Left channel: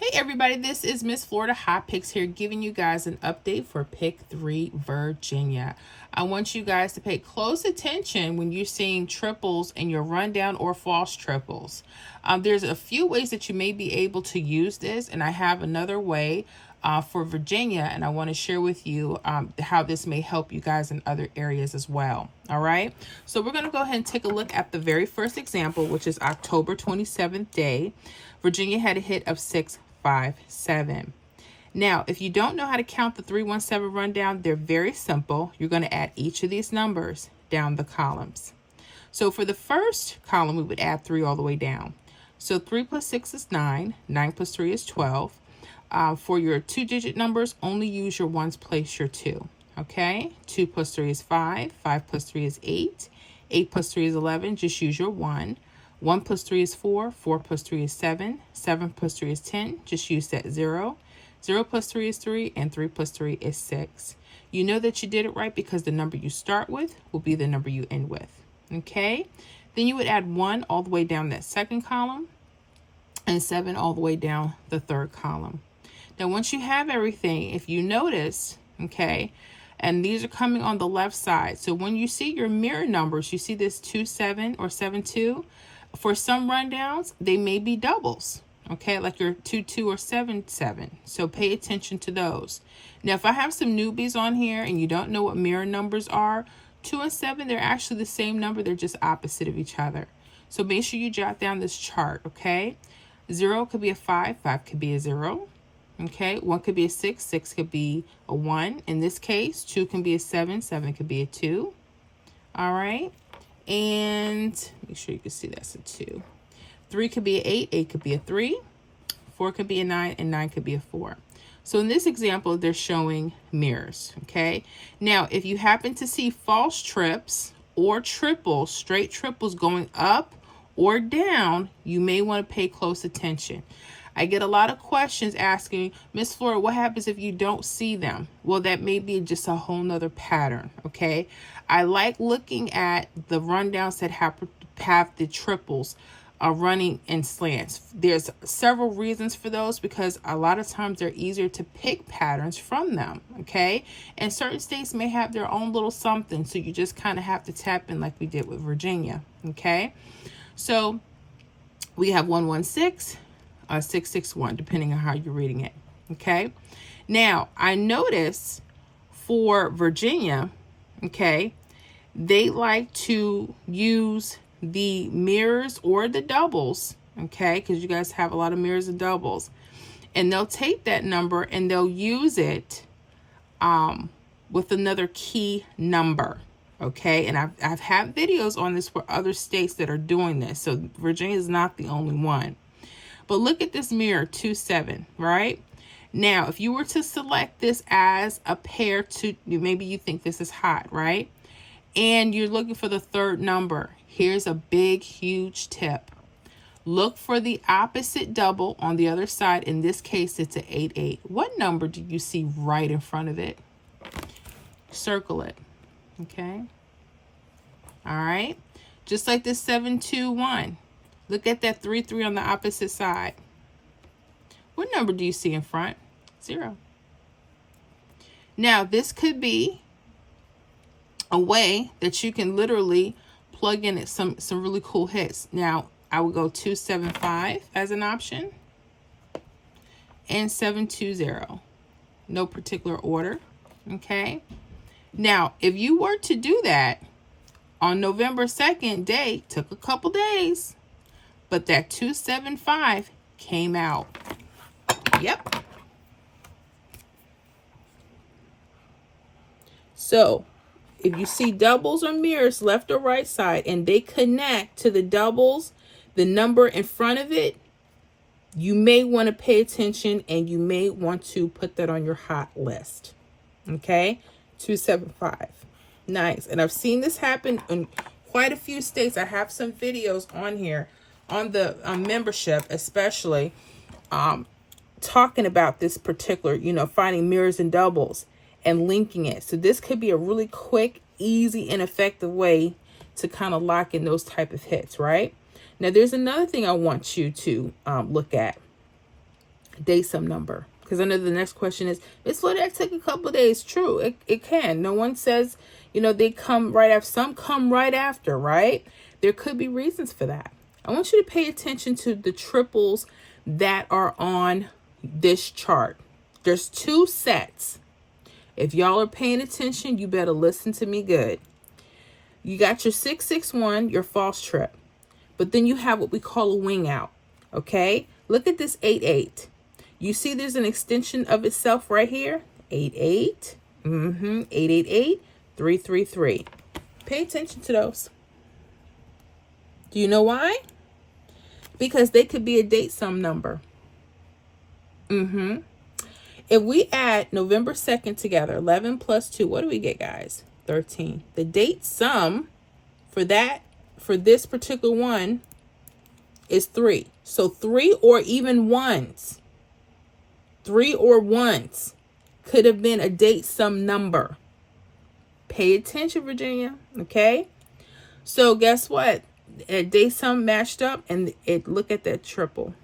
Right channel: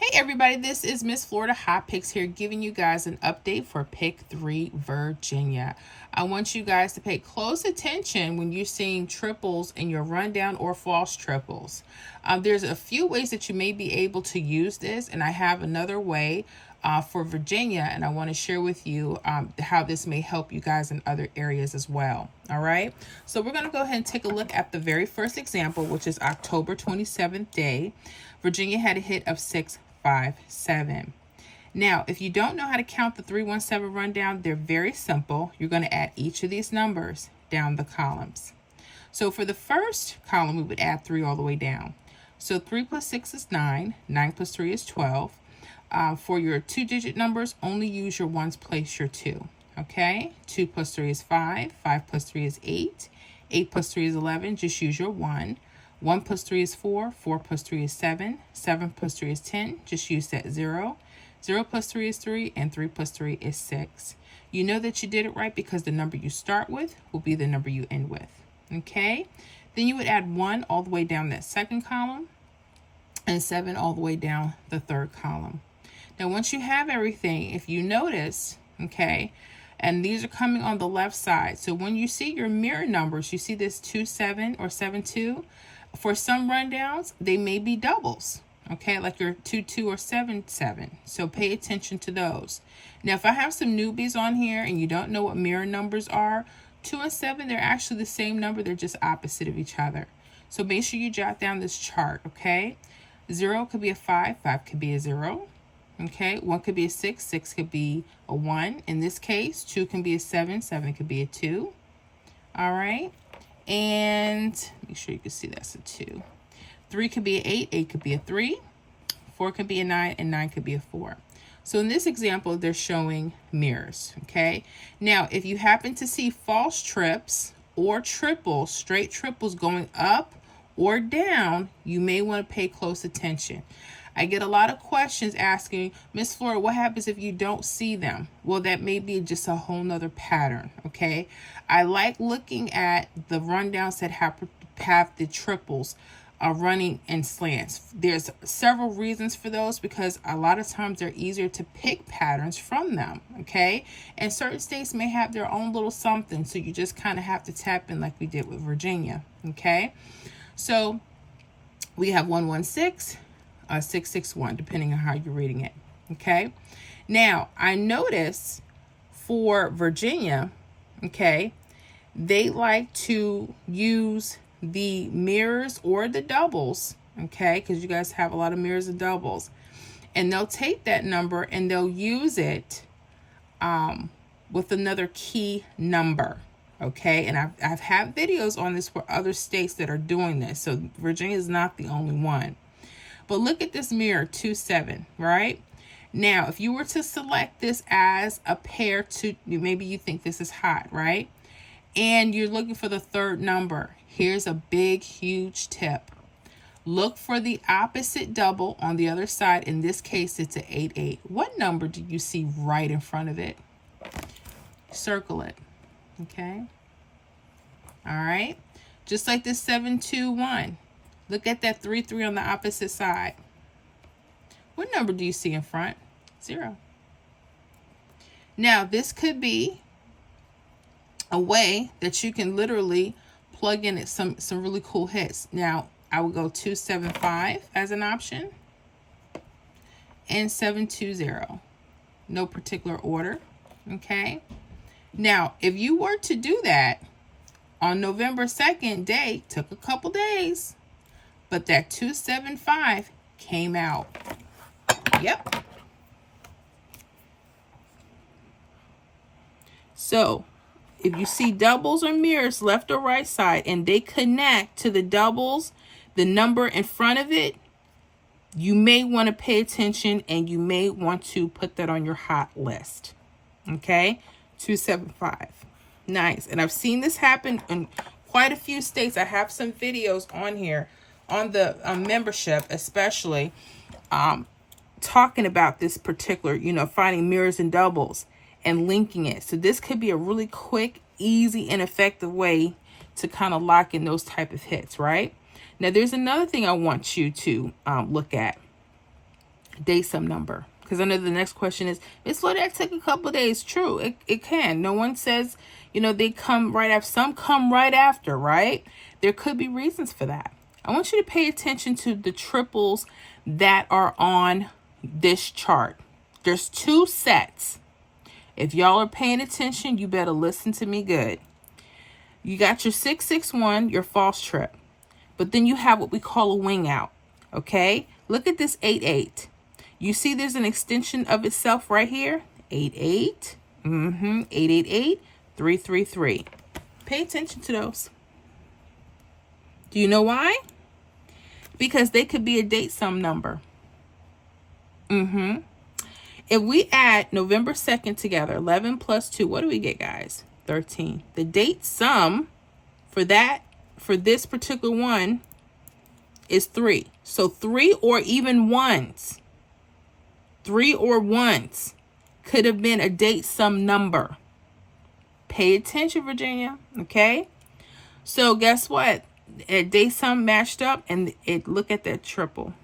Hey everybody, this is Miss Florida Hot Picks here giving you guys an update for Pick 3 Virginia. I want you guys to pay close attention when you're seeing triples in your rundown or false triples. There's a few ways that you may be able to use this, and I have another way for Virginia, and I want to share with you how this may help you guys in other areas as well. All right, so we're going to go ahead and take a look at the very first example, which is October 27th day. Virginia had a hit of 657. Now, if you don't know how to count the 317 rundown, they're very simple. You're going to add each of these numbers down the columns. So for the first column, we would add 3 all the way down. So 3 plus 6 is 9. 9 plus 3 is 12. For your 2-digit numbers, only use your ones, place your 2. Okay? 2 plus 3 is 5. 5 plus 3 is 8. 8 plus 3 is 11. Just use your 1. 1 plus 3 is 4. 4 plus 3 is 7. 7 plus 3 is 10. Just use that 0. 0 plus 3 is 3. And 3 plus 3 is 6. You know that you did it right because the number you start with will be the number you end with. Okay? Then you would add 1 all the way down that second column and 7 all the way down the third column. Now, once you have everything, if you notice, okay, and these are coming on the left side. So when you see your mirror numbers, you see this 2-7 or 7-2. For some rundowns, they may be doubles, okay, like your 2-2 or 7-7. So pay attention to those. Now, if I have some newbies on here and you don't know what mirror numbers are, 2 and 7, they're actually the same number. They're just opposite of each other. So make sure you jot down this chart, okay? 0 could be a 5. 5 could be a 0. Okay, 1 could be a 6. 6 could be a 1. In this case, 2 can be a 7. 7 could be a 2. All right. And make sure you can see that's a 2. 3 could be an 8. 8 could be a 3. 4 could be a 9. And 9 could be a 4. So in this example, they're showing mirrors. Okay. Now, if you happen to see false trips or triples, straight triples going up or down, you may want to pay close attention. I get a lot of questions asking, Miss Flora, what happens if you don't see them? Well, that may be just a whole nother pattern, okay? I like looking at the rundowns that have the triples running in slants. There's several reasons for those because a lot of times they're easier to pick patterns from them, okay? And certain states may have their own little something, so you just kind of have to tap in like we did with Virginia, okay? So we have 116. 661, depending on how you're reading it. Okay. Now, I notice for Virginia, okay, they like to use the mirrors or the doubles, okay, because you guys have a lot of mirrors and doubles. And they'll take that number and they'll use it with another key number. Okay, and I've had videos on this for other states that are doing this. So Virginia is not the only one. But look at this mirror, 2-7, right? Now, if you were to select this as a pair to, maybe you think this is hot, right? And you're looking for the third number. Here's a big, huge tip. Look for the opposite double on the other side. In this case, it's an 8-8. What number do you see right in front of it? Circle it, okay? All right. Just like this 7-2-1. Look at that 3-3 on the opposite side. What number do you see in front? 0. Now, this could be a way that you can literally plug in some really cool hits. Now, I would go 2-7-5 as an option and 7-2-0. No particular order, okay? Now, if you were to do that on November 2nd day, took a couple days, but that 275 came out. Yep. So if you see doubles or mirrors left or right side and they connect to the doubles, the number in front of it, you may want to pay attention and you may want to put that on your hot list. Okay, 275. Nice. And I've seen this happen in quite a few states. I have some videos on here on the membership, especially talking about this particular, finding mirrors and doubles and linking it. So this could be a really quick, easy, and effective way to kind of lock in those type of hits, right? Now, there's another thing I want you to look at. day sum number. Because I know the next question is, Miss Flor, that took a couple of days. True, it can. No one says, you know, they come right after. Some come right after, right? There could be reasons for that. I want you to pay attention to the triples that are on this chart. There's 2 sets. If y'all are paying attention, you better listen to me good. You got your 661, your false trip. But then you have what we call a wing out. Okay? Look at this 88. You see there's an extension of itself right here? 88. 888, 333. Pay attention to those. Do you know why? Because they could be a date sum number. If we add November 2nd together, 11 plus 2, what do we get, guys? 13. The date sum for this particular one is 3. So 3 or even ones. 3 or ones could have been a date sum number. Pay attention, Virginia. Okay? So guess what? A date sum matched up, and look at that triple.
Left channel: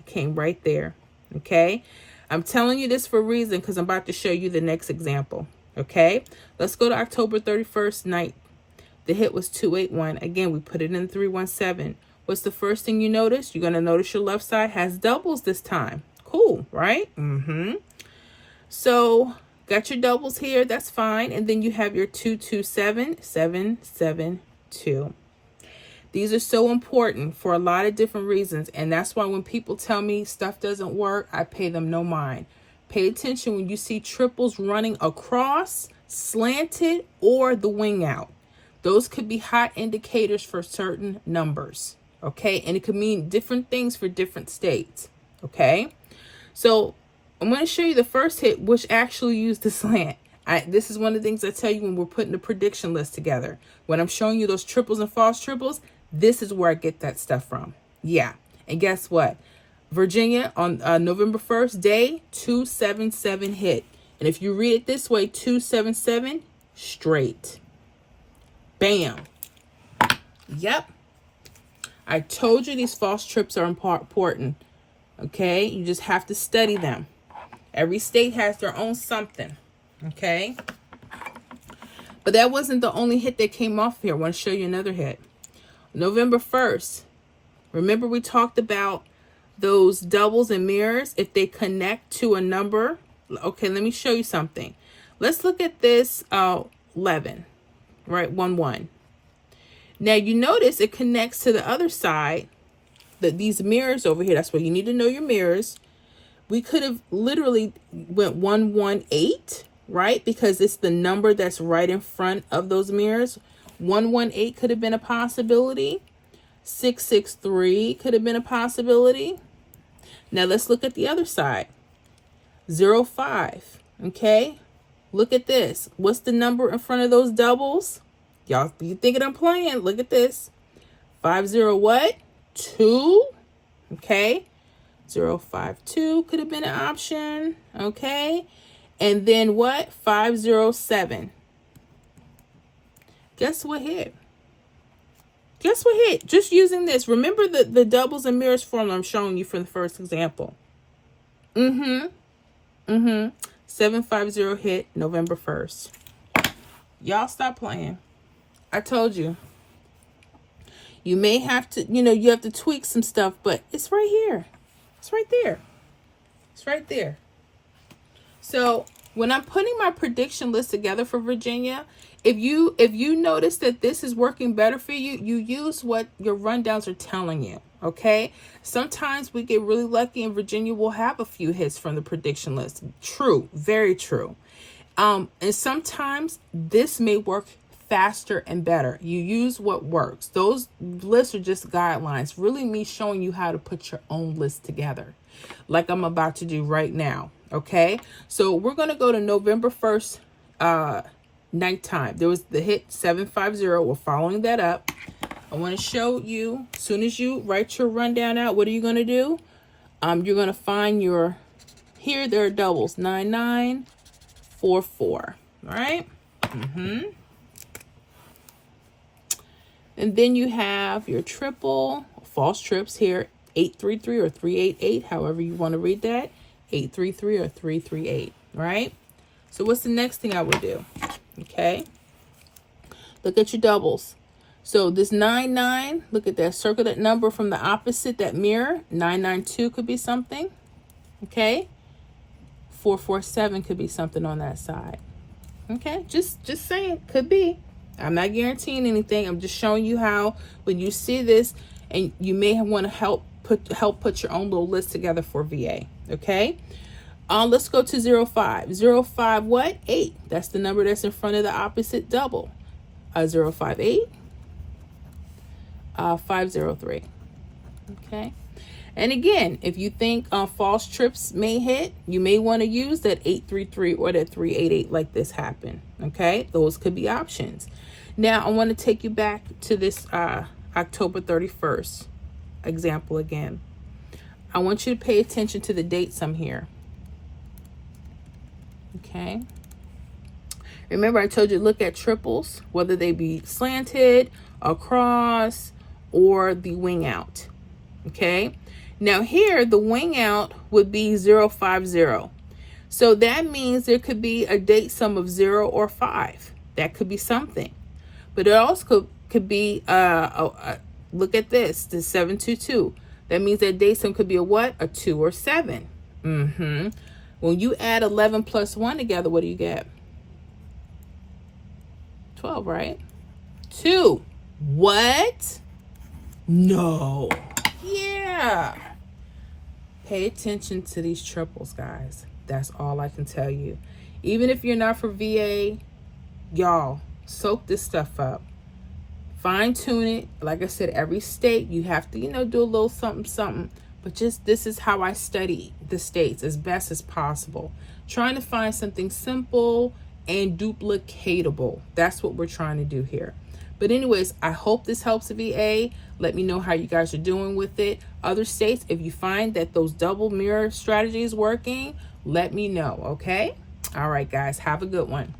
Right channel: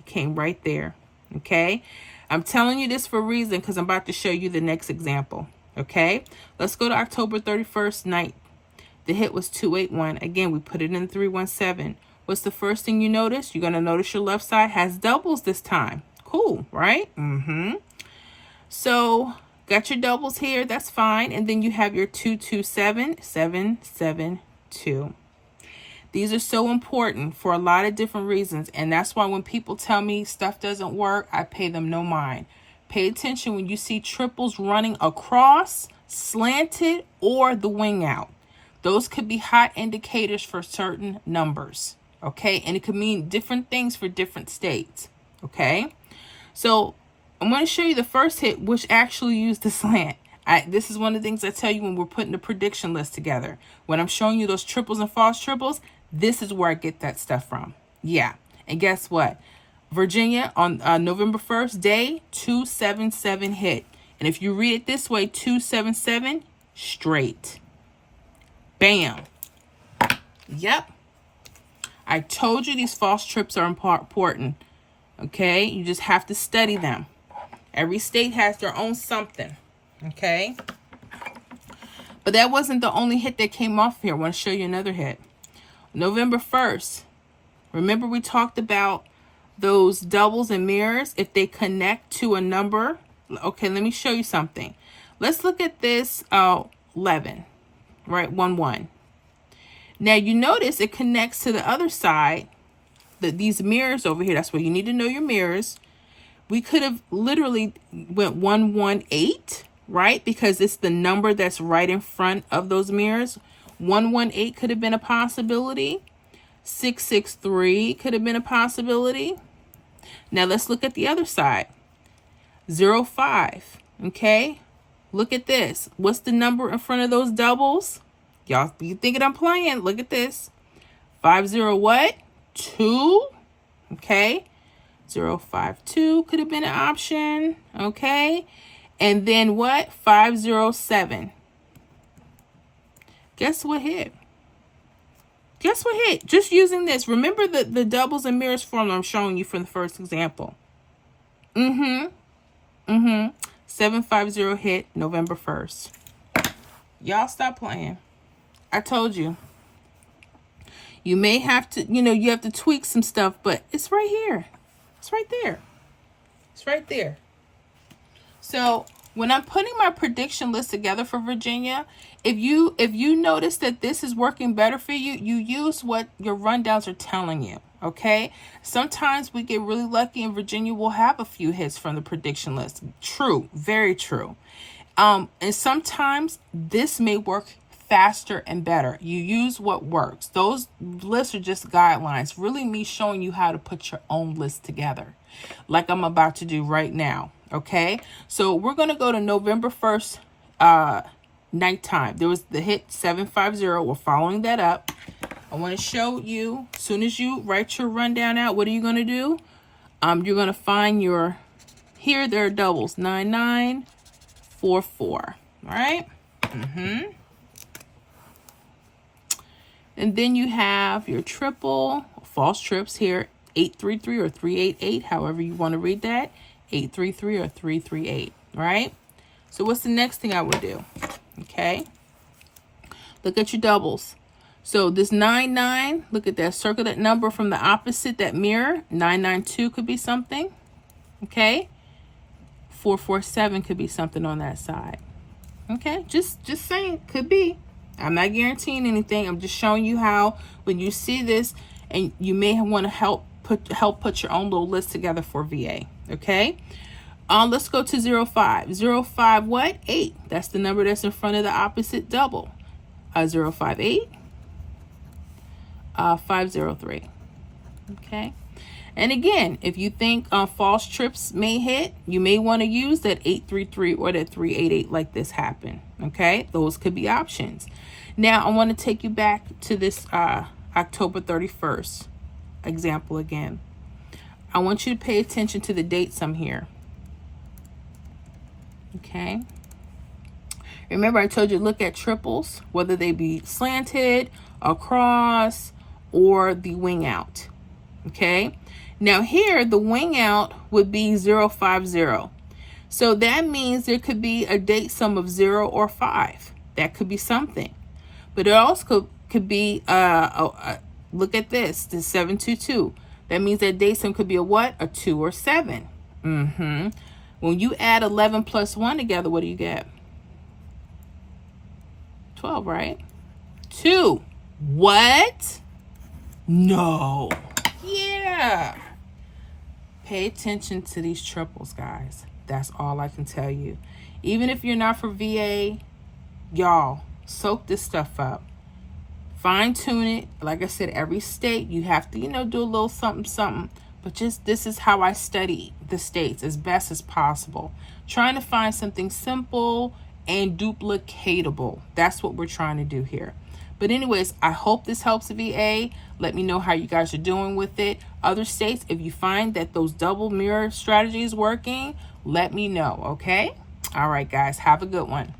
It came right there. Okay? I'm telling you this for a reason, because I'm about to show you the next example. Okay? Let's go to October 31st night. The hit was 281. Again, we put it in 317. What's the first thing you notice? You're going to notice your left side has doubles this time. Cool, right? So, got your doubles here. That's fine. And then you have your 227, 772. These are so important for a lot of different reasons. And that's why when people tell me stuff doesn't work, I pay them no mind. Pay attention when you see triples running across, slanted, or the wing out. Those could be hot indicators for certain numbers. Okay? And it could mean different things for different states. Okay? So I'm going to show you the first hit, which actually used the slant. This is one of the things I tell you when we're putting the prediction list together. When I'm showing you those triples and false triples, this is where I get that stuff from. Yeah. And guess what? Virginia on November 1st, day 277 hit. And if you read it this way, 277 straight. Bam. Yep. I told you these false trips are important. Okay? You just have to study them. Every state has their own something. Okay? But that wasn't the only hit that came off here. I want to show you another hit. November 1st. Remember we talked about those doubles and mirrors, if they connect to a number. Okay, let me show you something. Let's look at this 11, right? 1. Now you notice it connects to the other side, these mirrors over here. That's why you need to know your mirrors. We could have literally went 118, right? Because it's the number that's right in front of those mirrors. 118 could have been a possibility. 663 could have been a possibility. Now let's look at the other side. 05. Okay. Look at this. What's the number in front of those doubles? Y'all, you thinking I'm playing? Look at this. 50 what? 2. Okay. 052 could have been an option. Okay. And then what? 507. Guess what hit? Guess what hit? Just using this. Remember the doubles and mirrors formula I'm showing you from the first example. 750 hit November 1st. Y'all stop playing. I told you. You may have to, you have to tweak some stuff, but it's right here. It's right there. It's right there. So when I'm putting my prediction list together for Virginia, if you notice that this is working better for you, you use what your rundowns are telling you. Okay. Sometimes we get really lucky and Virginia will have a few hits from the prediction list. True. Very true. And sometimes this may work faster and better. You use what works. Those lists are just guidelines. Really me showing you how to put your own list together, like I'm about to do right now. Okay. So we're going to go to November 1st, nighttime. There was the hit 750. We're following that up. I want to show you, as soon as you write your rundown out, what are you going to do? You're going to find here there are doubles, 9944. All right. And then you have your triple, false trips here, 833 or 388, however you want to read that. 833 or 338, right? So what's the next thing I would do? Okay. Look at your doubles. So this 99, look at that. Circle that number from the opposite, that mirror. 992 could be something. Okay. 447 could be something on that side. Okay. Just saying, could be. I'm not guaranteeing anything. I'm just showing you how when you see this, and you may want to help put your own little list together for VA. Okay. Let's go to 05. 05 what? 8. That's the number that's in front of the opposite double. 058. 503. Okay. And again, if you think false trips may hit, you may want to use that 833 or that 388 like this happened. Okay. Those could be options. Now I want to take you back to this October 31st example again. I want you to pay attention to the dates I'm here. Okay. Remember I told you to look at triples, whether they be slanted, across, or the wing out. Okay. Now here the wing out would be 050. So that means there could be a date sum of 0 or 5. That could be something. But it also could be look at this, the 722. That means that date sum could be a what? A 2 or 7. When you add 11 plus 1 together, what do you get? 12, right? 2. What? No. Yeah. Pay attention to these triples, guys. That's all I can tell you. Even if you're not for VA, y'all, soak this stuff up. Fine tune it. Like I said, every state you have to, do a little something. But just this is how I study the states as best as possible. Trying to find something simple and duplicatable. That's what we're trying to do here. But anyways, I hope this helps the VA. Let me know how you guys are doing with it. Other states, if you find that those double mirror strategy is working, let me know, okay? All right, guys, have a good one.